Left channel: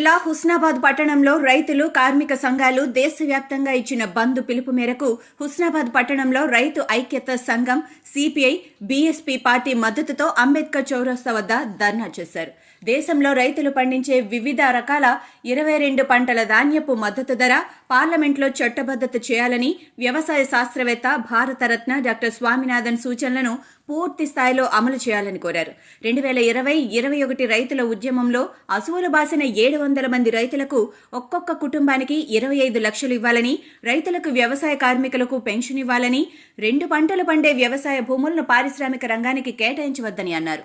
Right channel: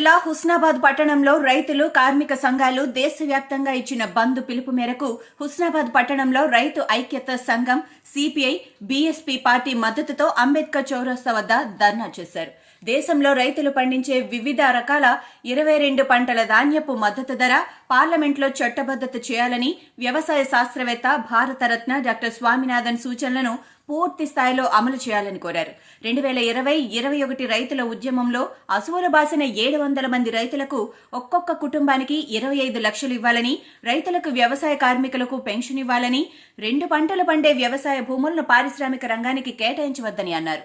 జిల్లా హుస్నాబాద్ పట్టణంలో రైతులు కార్మిక సంఘాలు దేశవ్యాప్తంగా ఇచ్చిన బంద్ పిలుపు మేరకు హుస్నాబాద్ పట్టణంలో రైతు ఐక్యత సంఘం సిపిఐ బీఎస్పీ పార్టీ మద్దతుతో అంబేద్కర్ చౌరస్తా వద్ద ధర్నా చేశారు. దేశంలో రైతులు పండించే వివిధ రకాల 22 పంటల ధాన్యపు మద్దతు ధర పార్లమెంట్లో చట్టబద్దత చేయాలని వ్యవసాయ శాస్త్రవేత్త భారతరత్న డాక్టర్ స్వామినాథన్ సూచనలను పూర్తి స్థాయిలో అమలు చేయాలని కోరారు. 2020-21 రైతుల ఉద్యమంలో అసువులు బాసిన 700 మంది రైతులకు ఒక్కొక్క కుటుంబానికి 25 లక్షలు ఇవ్వాలని, రైతులకు వ్యవసాయ కార్మికులకు పెన్షన్ ఇవ్వాలని, 2 పంటలు పండే వ్యవసాయ భూములను పారిశ్రామిక రంగానికి కేటాయించవద్దని అన్నారు.